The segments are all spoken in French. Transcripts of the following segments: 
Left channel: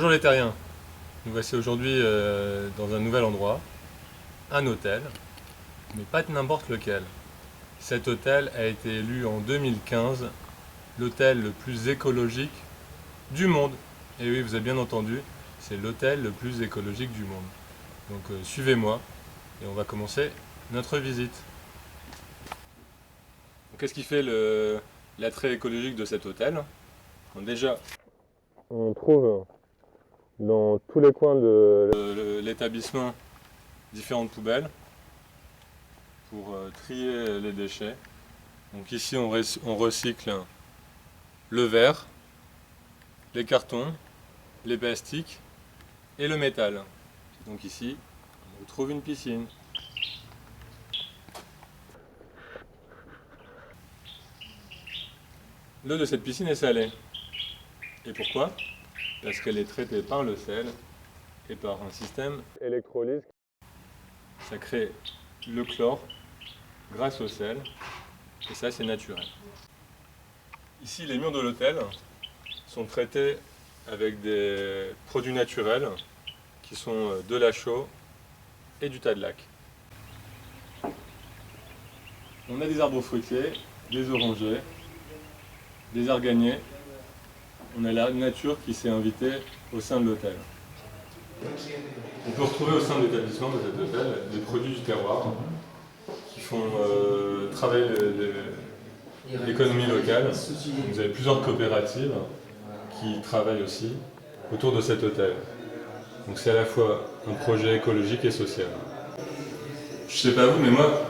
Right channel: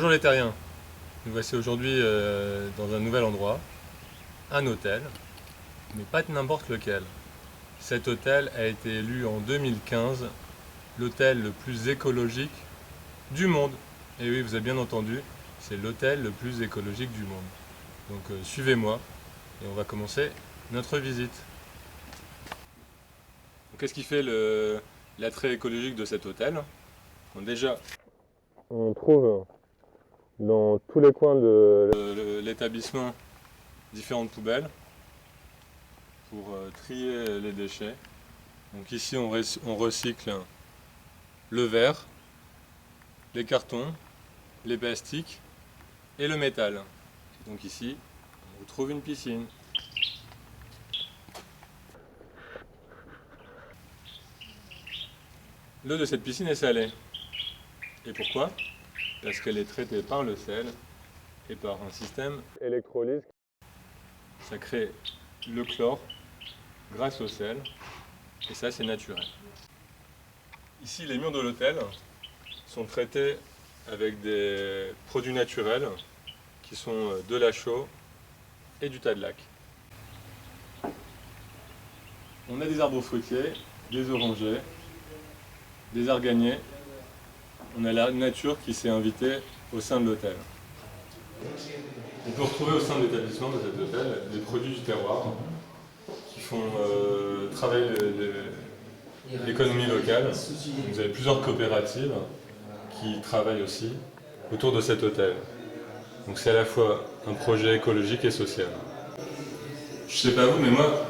Bonjour les terriens, nous voici aujourd'hui dans un nouvel endroit, un hôtel, mais pas n'importe lequel. Cet hôtel a été élu en 2015 l'hôtel le plus écologique du monde. Et oui, vous avez bien entendu, c'est l'hôtel le plus écologique du monde. Donc suivez-moi et on va commencer notre visite. Qu'est-ce qui fait l'attrait écologique de cet hôtel? Bon, déjà, on trouve dans tous les coins de l'établissement différentes poubelles pour trier les déchets. Donc ici on recycle le verre, les cartons, les plastiques et le métal. Et donc ici on retrouve une piscine. L'eau de cette piscine est salée. Et pourquoi? Parce qu'elle est traitée par le sel et par un système électrolyse. Ça crée le chlore grâce au sel, et ça c'est naturel. Ici les murs de l'hôtel sont traités avec des produits naturels qui sont de la chaux et du tas de lac. On a des arbres fruitiers, des orangers, des arganiers. On a la nature qui s'est invitée au sein de l'hôtel. On peut retrouver au sein de l'établissement de cet hôtel des produits du terroir qui font travailler l'économie locale. Vous avez plusieurs coopératives qui travaillent aussi autour de cet hôtel. Donc c'est à la fois un projet écologique et social. Je sais pas vous, mais moi,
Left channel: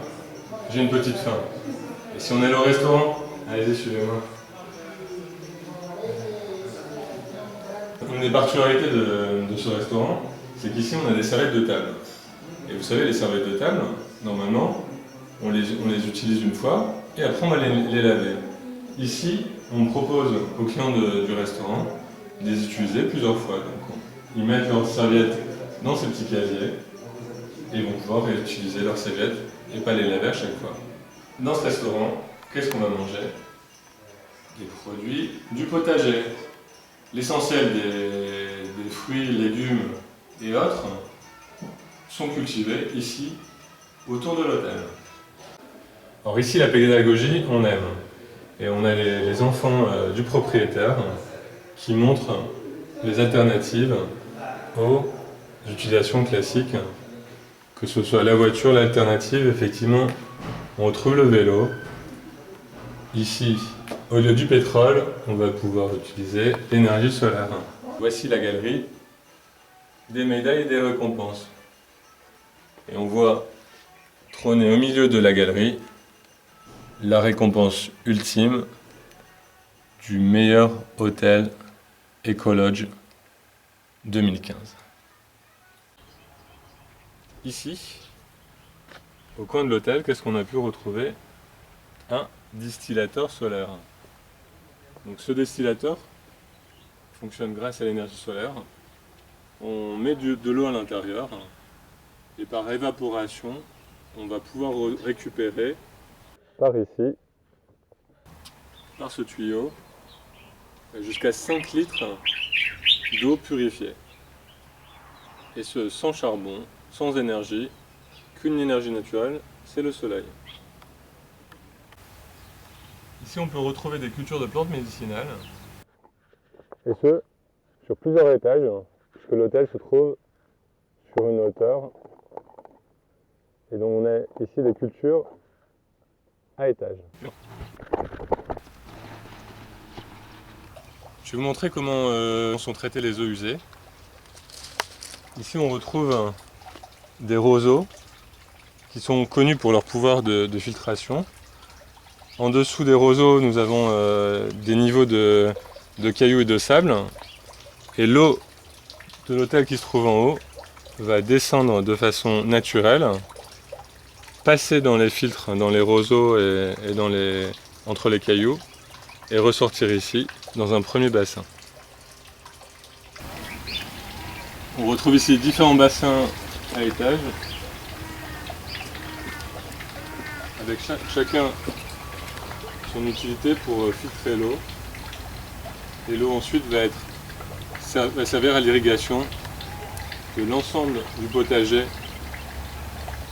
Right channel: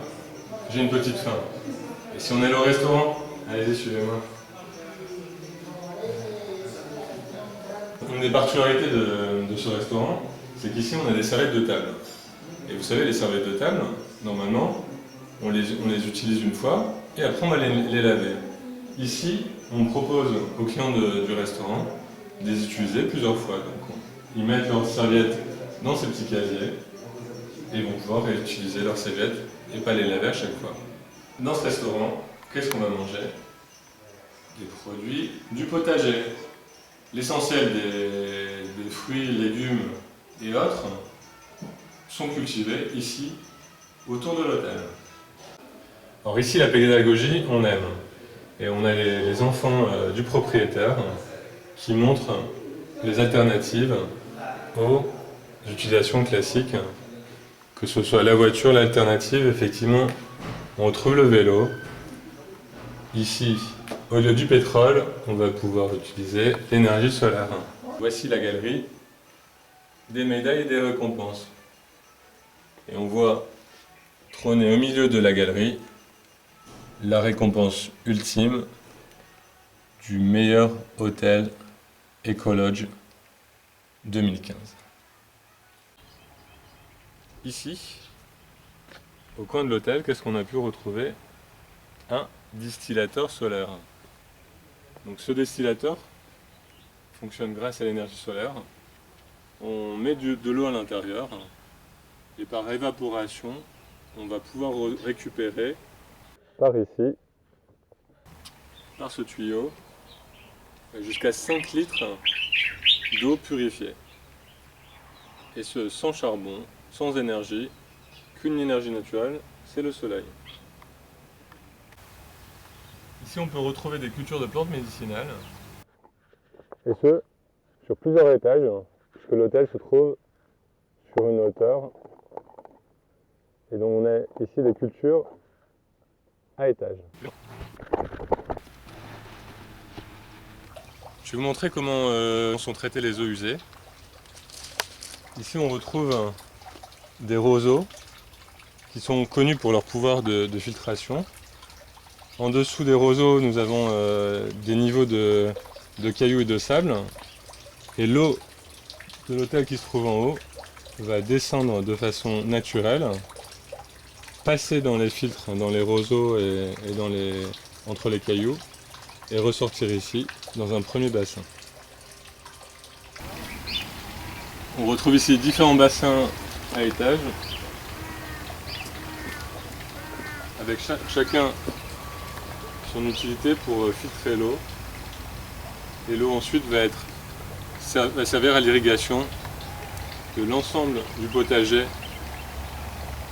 j'ai une petite faim. Et si on est au restaurant, allez-y, suivez-moi. Une des particularités de ce restaurant, c'est qu'ici on a des serviettes de table. Et vous savez, les serviettes de table, normalement, on les utilise une fois et après on va les laver. Ici, on propose aux clients du restaurant de les utiliser plusieurs fois. Donc, ils mettent leurs serviettes dans ces petits casiers et ils vont pouvoir réutiliser leurs serviettes et pas les laver à chaque fois. Dans ce restaurant, qu'est-ce qu'on va manger? Des produits du potager. L'essentiel des fruits, légumes et autres sont cultivés ici, autour de l'hôtel. Alors ici, la pédagogie, on aime. Et on a les enfants du propriétaire qui montrent les alternatives aux utilisations classiques, que ce soit la voiture, l'alternative, effectivement, on retrouve le vélo. Ici, au lieu du pétrole, on va pouvoir utiliser l'énergie solaire. Voici la galerie des médailles et des récompenses. Et on voit trôner au milieu de la galerie la récompense ultime du meilleur hôtel Ecolodge 2015. Ici, au coin de l'hôtel, qu'est-ce qu'on a pu retrouver? Un distillateur solaire. Donc ce distillateur fonctionne grâce à l'énergie solaire. On met de l'eau à l'intérieur et par évaporation, on va pouvoir récupérer par ici, par ce tuyau, jusqu'à 5 litres d'eau purifiée. Et ce sans charbon, sans énergie, qu'une énergie naturelle, c'est le soleil. Ici on peut retrouver des cultures de plantes médicinales. Et ce, sur plusieurs étages, puisque l'hôtel se trouve sur une hauteur. Et donc on a ici des cultures à étage. Je vais vous montrer comment sont traitées les eaux usées. Ici on retrouve des roseaux qui sont connus pour leur pouvoir de filtration. En dessous des roseaux, nous avons des niveaux de cailloux et de sable. Et l'eau de l'hôtel qui se trouve en haut va descendre de façon naturelle, passer dans les filtres, dans les roseaux et entre les cailloux, et ressortir ici, dans un premier bassin. On retrouve ici différents bassins à étage, avec chacun son utilité pour filtrer l'eau. Et l'eau ensuite va être va servir à l'irrigation de l'ensemble du potager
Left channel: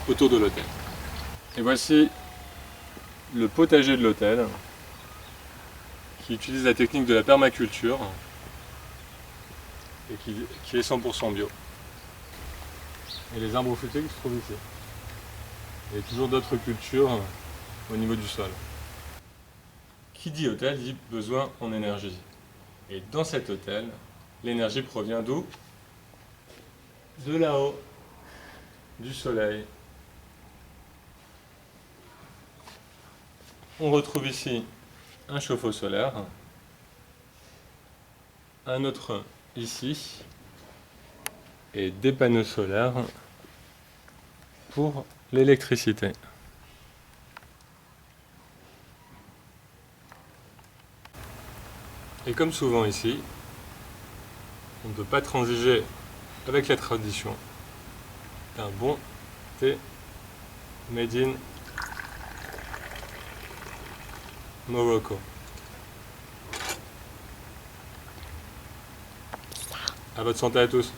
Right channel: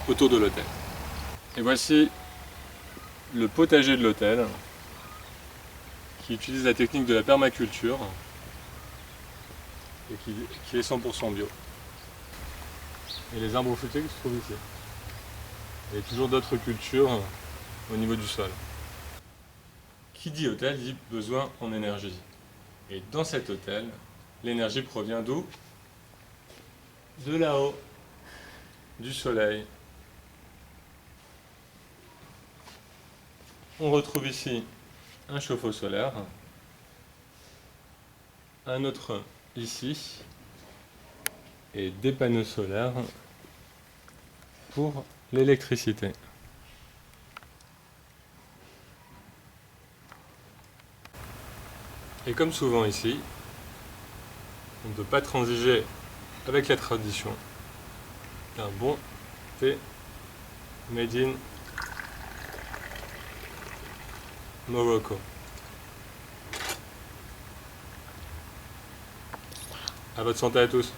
autour de l'hôtel. Et voici le potager de l'hôtel qui utilise la technique de la permaculture et qui est 100% bio. Et les arbres fruitiers qui se trouvent ici. Et toujours d'autres cultures au niveau du sol. Qui dit hôtel dit besoin en énergie. Et dans cet hôtel, l'énergie provient d'où? De là-haut, du soleil. On retrouve ici un chauffe-eau solaire, un autre ici, et des panneaux solaires pour l'électricité. Et comme souvent ici, on ne peut pas transiger avec la tradition d'un bon thé made in Morocco. À votre santé à tous.